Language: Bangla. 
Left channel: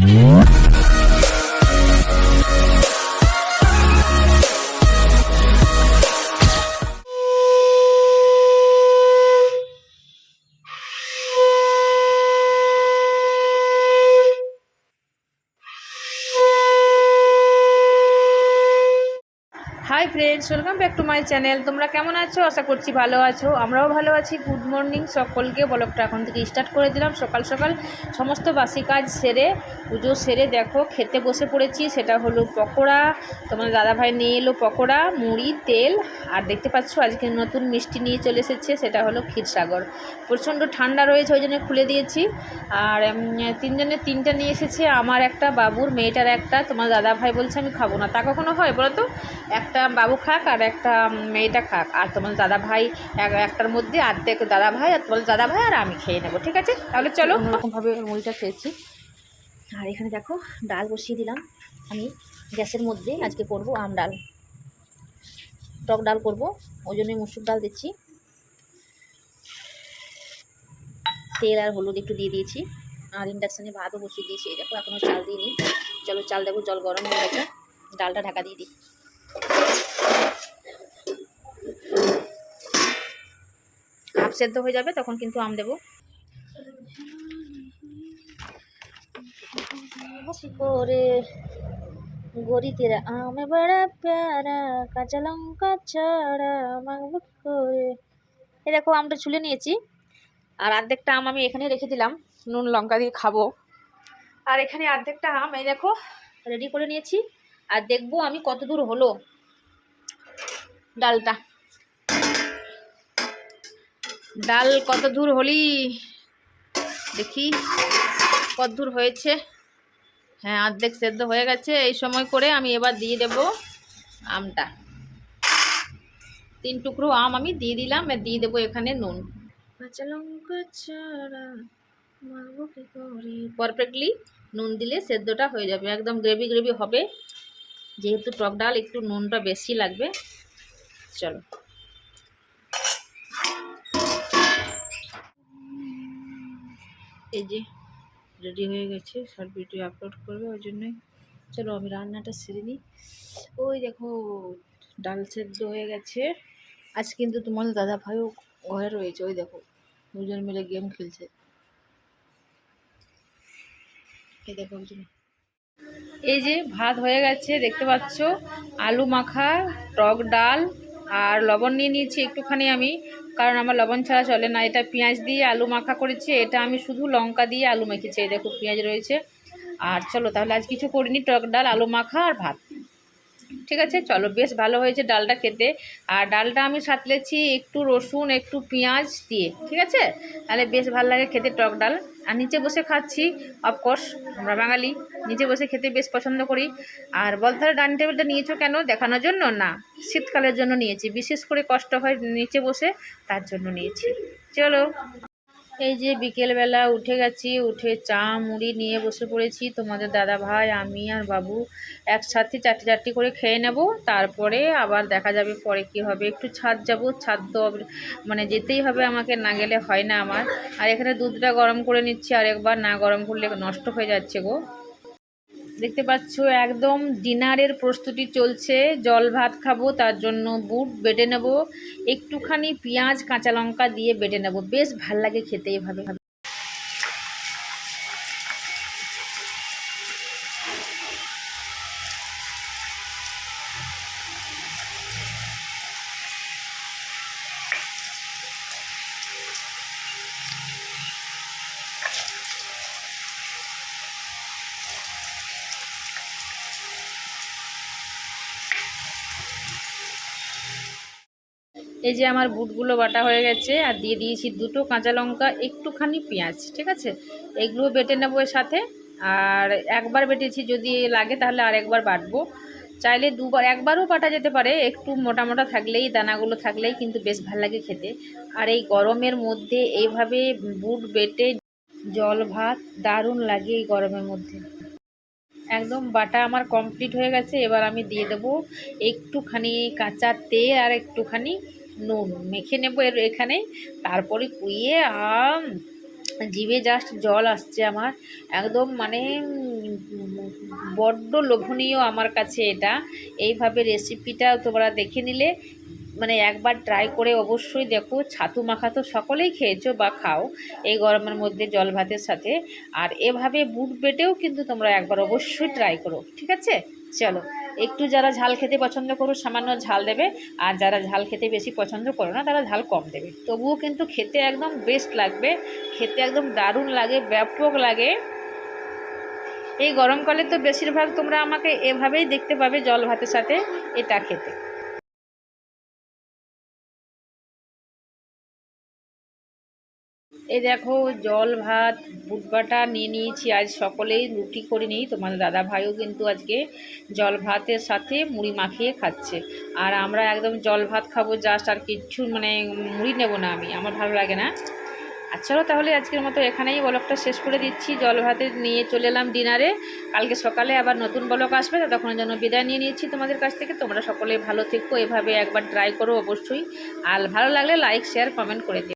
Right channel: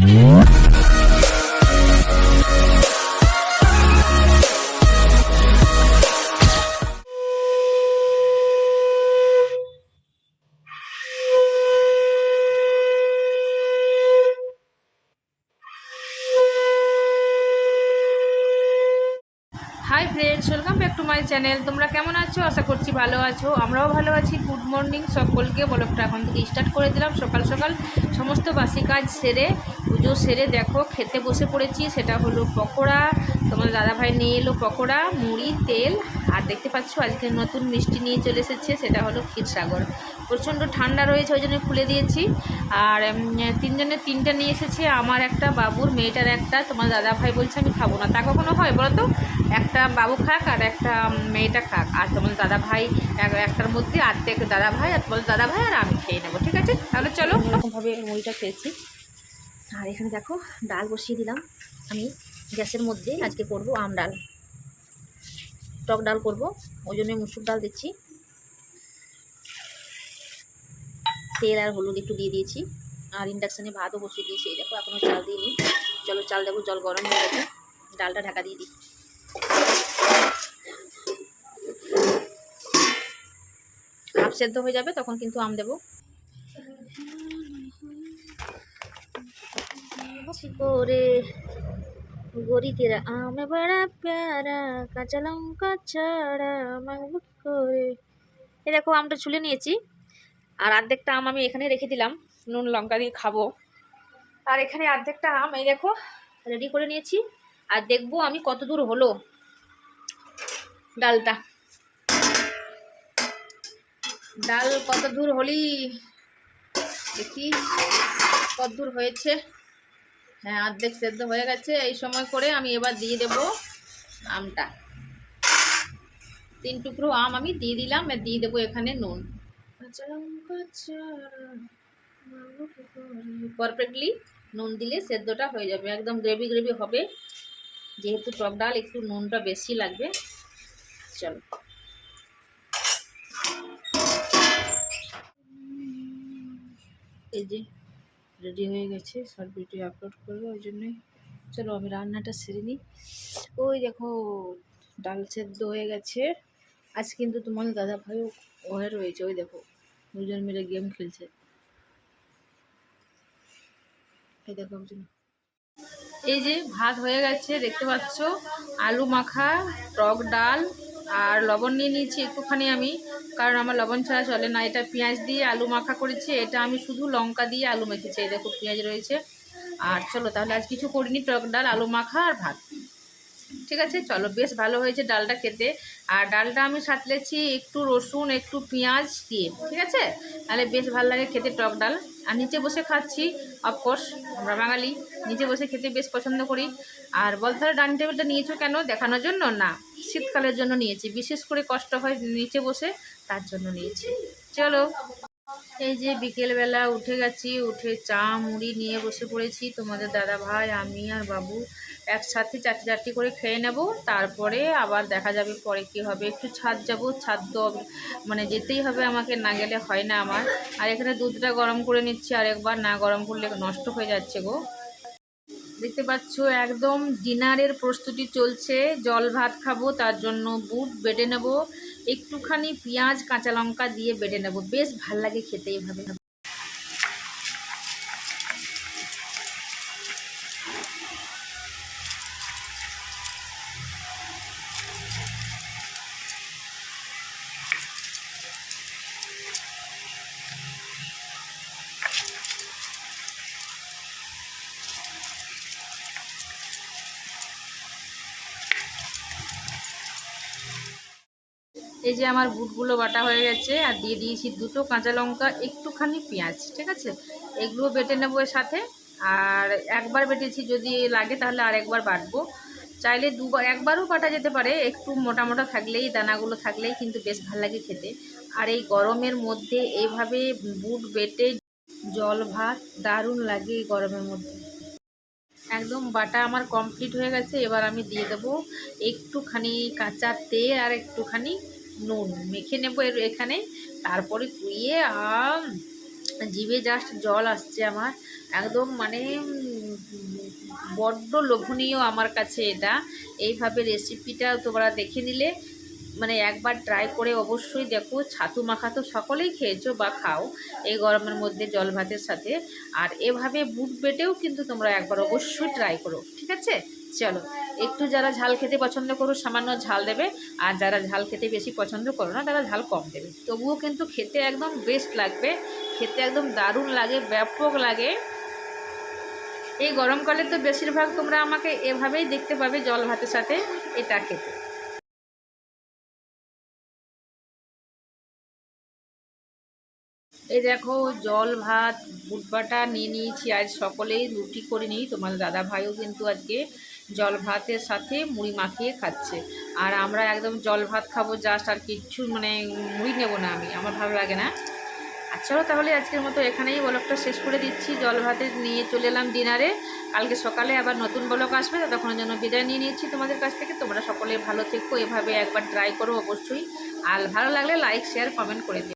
Mm-hmm. Hi friends, welcome back to my channel. তোমরা কেমন আছো? আশা করছি ভালো আছো। আমরাও ভালো আছি। গুড মর্নিং সকলকে। ব্লগটা এখন থেকে স্টার্ট করে দিলাম। সকাল সকাল সমস্ত বাসি কাজ সেরে, পুজো সেরে দেখো, খেতে বসে পড়েছি। সেটা হলো পকোড়া, তোমার দাদাভাই নিয়ে এলো পকোড়া, মুড়ি, তেল। আর দেখতে পাচ্ছ, আজকে নতুন মিষ্টি নিয়ে চলে এসেছে, সেটা হলো ক্ষীরসাগর প্রচণ্ড ঠান্ডা রয়েছে, ওই জন্য খুলে দিয়েছি। আর তিনজনের তিনটা নিয়ে এসেছে। আমার একটা, বাবুর, মেয়েটার একটা। তোমার দাদা ভাই বলছে, আমি খাব না। তা কখনো হয় বলো তো? একটা বাবু খাক আর একটা মেয়েটা খাক। আর তোমার দাদা ভাই, এক- একটার মধ্যে অর্ধেক দাদা ভাই আর তোমার দাদা ভাই আর আমি খেয়ে নেব, ঠিক আছে? তাহলে চলো। ওরকমভাবে মুড়িটা খেয়েছি। আর এখানে দেখো, ডাল বসিয়ে দিলাম আমি। গ্যাসের মধ্যে আজকে করব আম ডাল। টক ডাল করব, ওই জন্য মুসুর ডাল দিচ্ছি। তেল আর হলুদ একটু দিয়ে দিয়েছি। আর ইন্ডাকশানে ভাতও বসিয়ে দিয়েছি। দেখো এখনও চাল দিইনি। চলো, চাল দেবো জল গরম হয়ে গেছে। ডালটা ঢাকা দিয়ে দিই। হাফ সেদ্ধ হয়ে যাবে, তখন কিন্তু আম দেবো। করে গরি তেরা আমে বড়া প্যারা, কাঁচা লঙ্কা ছাড়া করে? এই দেখো, আমটা ছুলে নিয়েছি। আর অর্ধেকটা আম আমি এখানে রেখে দিলাম, নুন লঙ্কা দিয়ে খাব। আর এখানে অর্ধেকটা আম, এই দেখো রেডি করে নিয়েছি। আর দেখব আমি কত দূর হলো ডালটা। ডাল কত দূর হলি? দেখি কত দূর হয়েছে? হ্যাঁ অর্ধেক সেদ্ধ হয়ে গেছে। এই সময় করে আমি এবার দিয়ে দেব আমটা। তিন টুকরো আম আমি দিয়ে দিলাম আর দিয়ে দেবো এখানে নুন। কাঁচা লঙ্কা ছাড়া পারফেক্টলি নুন দিলে সেদ্ধটা হয়ে যাবে একদম গ্রেভি গ্রেভি হবে। যেহেতু টক ডাল, একটু নুনটা বেশি লাগবে। চলো। এই যে রেডি হয়ে গেছে, শর্ট ভিডিও আপলোড করবে ওই জন্যই। চলো আমি রান্নাটা সেরে নিই। ওই দেখো, ডাল সেদ্ধ হয়ে গেছে। আজ কিন্তু তোমাদের দাদা ভাইও ঘরে রয়েছে, ওই দেখো, দুজন মিলে গেম খেলছে। এই দেখো, একজন এই যে ভাত হয়ে গেছে, দেখতে পাচ্ছ? আলু মাখা, টক ডাল আর লবণ নিয়ে নিয়েছি একটুখানি আমি, কারণ আমার লবণ ছাড়া চলে না। এটা পেঁয়াজ দিয়ে আলু মাখা করেছি, এটা আমি শুধু লঙ্কা দিয়ে আলু মেখেছি দেখো পেঁয়াজ রয়েছে। আর চলো তাহলে আজ কিছু করিনি, টক ডাল, আলু মাখা আর ভাত। ঠিক আছে? চলো, বেশ ভালো হয়েছে ডালটা খেতে। আর ডালটা আমি সাতলেছি একটু রসুন, একটু পেঁয়াজ দিয়ে, ঠিক আছে? তাহলে বেশ ভালো লাগে খেতে টক ডাল। আর নিচে বসে খাচ্ছি অফকোর্স আমরা বাঙালি। নিচে বসে খেতে বেশ পছন্দ করি। আর বলতে ডাইনিং টেবিলটা নিয়েছো কেন? দেখানোর জন্য? না, শীতকালের জন্য নিয়েছি। বিশেষ করে কষ্ট হয় নিচে বসে, তার জন্য নিয়েছি। চলো। এই যে বিকেলবেলা উঠে গেছি, উঠে চা, মুড়ি নিয়ে বসে পড়েছি। তোমাদের দাদা ভাই, আমি আর বাবু একসাথে চারটি চারটি করে খেয়ে নেব। তারপরে আবার দেখা যাবে পরে কি হবে। একটু ছাদ যাব, ছাদ তো মানে যেতেই হবে আমাকে, না গেলে হয় না আমার। আর এখানে দুধটা গরম করে নিচ্ছি, আর একবার না গরম করলে নষ্ট হয়ে যাচ্ছে গো। দেখতে পাচ্ছ, একদম ডিনারের প্রস্তুতি চলছে। জল ভাত খাব, তার জন্য বুট বেটে নেব। একটুখানি পেঁয়াজ কাঁচা লঙ্কা দিয়ে বেটে নেব। বেশ ভালো লাগে খেতে এভাবে। এই যে আমার বুটগুলো বাটা হয়ে গেছে, আর দিয়ে দিয়েছি দুটো কাঁচা লঙ্কা, একটুখানি পেঁয়াজ, ঠিক আছে? এগুলো বেটে নেব এর সাথে, আর একবার বেটেছি যদি লাগে তাহলে আর একবার বাটবো। চাইলে দুবার, একবারও বাটা যেতে পারে, একটু মোটা মোটা থাকলেই, দানাগুলো থাকলেই কিন্তু বেশ ভালো লাগে খেতে। আর এই গরমের মধ্যে এইভাবে বুট বেটে জল, ভাত দারুণ লাগে এই গরমের মধ্যে। একদম বাটা আমার কমপ্লিট হয়ে গেছে, এবার আমি দিয়ে দেবো একটুখানি কাঁচা তেল আর একটুখানি নুন মেখে নেব এর এখানে। তারপরে কুইয়ে আম, জিভে জাস্ট জল আসছে আমার। একদম মানে বড্ড লোভনীয় আমার কাছে এটা। এইভাবে রেসিপিটা তোমরা দেখে নিলে মানে একবার ট্রাই করে অবশ্যই দেখো, ছাতু মাখা তো সকলেই খেয়েছো বা খাও এই গরমের মধ্যে জল ভাতের সাথে। আর এভাবে বুট বেটেও কিন্তু তোমরা একবার অবশ্যই ট্রাই করো, ঠিক আছে? চলো। একটু যারা ঝাল খেতে পছন্দ করো, সামান্য ঝাল দেবে। আর যারা ঝাল খেতে বেশি পছন্দ করো না, তারা ঝাল কম দেবে। তবুও কিন্তু খেতে একদম বেস্ট লাগবে। খেতে একদম দারুণ লাগে, ব্যাপক লাগে। এই গরমকালে তো বেশিরভাগ তোমরা আমাকে এভাবেই দেখতে পাবে জল ভাতের সাথে এটা খেতে। এই দেখো, জল, ভাত, বুট বাটা নিয়ে নিয়েছি। আজ সকলেই রুটি করে নিই। তোমার দাদা ভাইও কিন্তু আজকে জল ভাতের সাথে মুড়ি মাখিয়ে খাচ্ছে। আর আমরা একদম জল ভাত খাব জাস্ট আর কিচ্ছু মানে মুড়ি নেব না আমি। আমার ভালো লাগে না। আচ্ছা তাহলে আজকের মতো এখানেই ব্লগটা শেষ করে দিচ্ছি। জল ভাতে নিয়ে চলে এলাম ডিনারে কালকে সকালে আবার নতুন ব্লগ আসবে তখন জন্য বিদায় নিয়ে নিচ্ছি তোমাদের কাছ থেকে। তোমরা সকলে ভালো থেকো। এভাবে একবার ট্রাই করো অবশ্যই। আর ভালো লাগলে লাইক শেয়ার কমেন্ট করে দিও।